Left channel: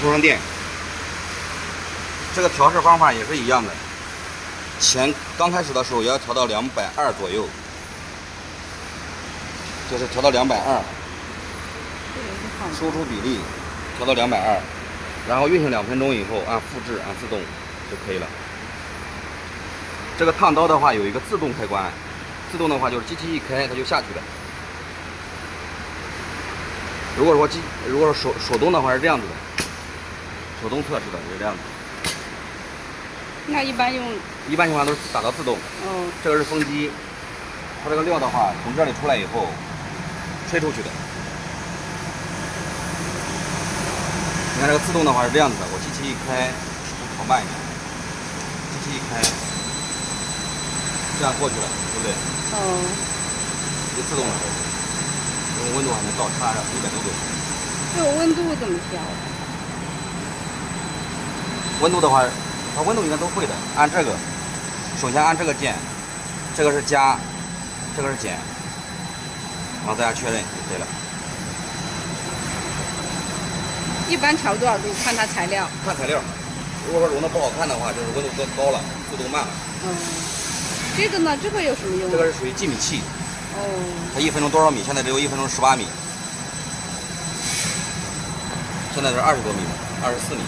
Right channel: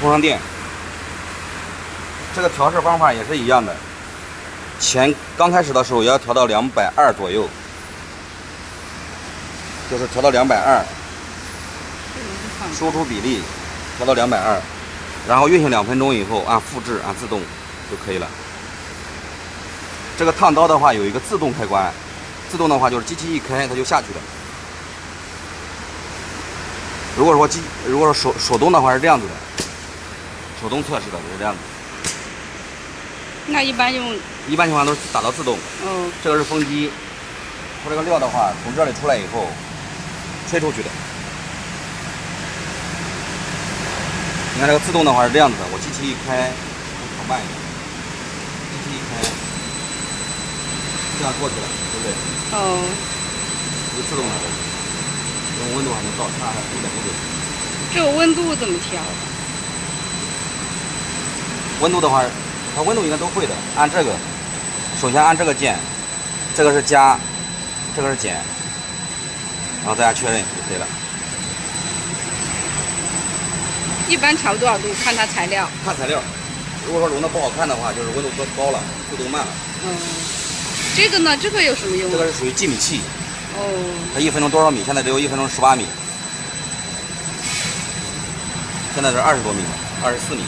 充上电。这个调试方法也是一样的，刚开始的时候也要调到220左右，就是调到220，输出比例调到220，然后运行2分钟以后按复制按自动就可以了。这个烫刀的话有一个自动开关，自动的话就是机器一开它就下去了。如果说手动的话是这样子的，手动测试的就是这样子。那一般情况都是打到自动。哦。这个是风机，它这个料的话从这里出来以后吹出去的。你看这个自动的话是这样子的，我机器一开，我跑慢一点，机器一开，这样过去了，对不对？哦。一自动的，温度还能到差160度。这个温度怎么调？温度的话，它温度应该都会的。按这个，首先按这个键，这个是加，这个是减，然后大家确认就可以了。一般调多少度？看它材料。看材料，如果说融的不好看的话，就是温度高了，速度慢了。这个呢？这个有什么用？这个是属于计米器。哦。它1分钟多少米？现在只有1分钟18米。现在是20多米，24米。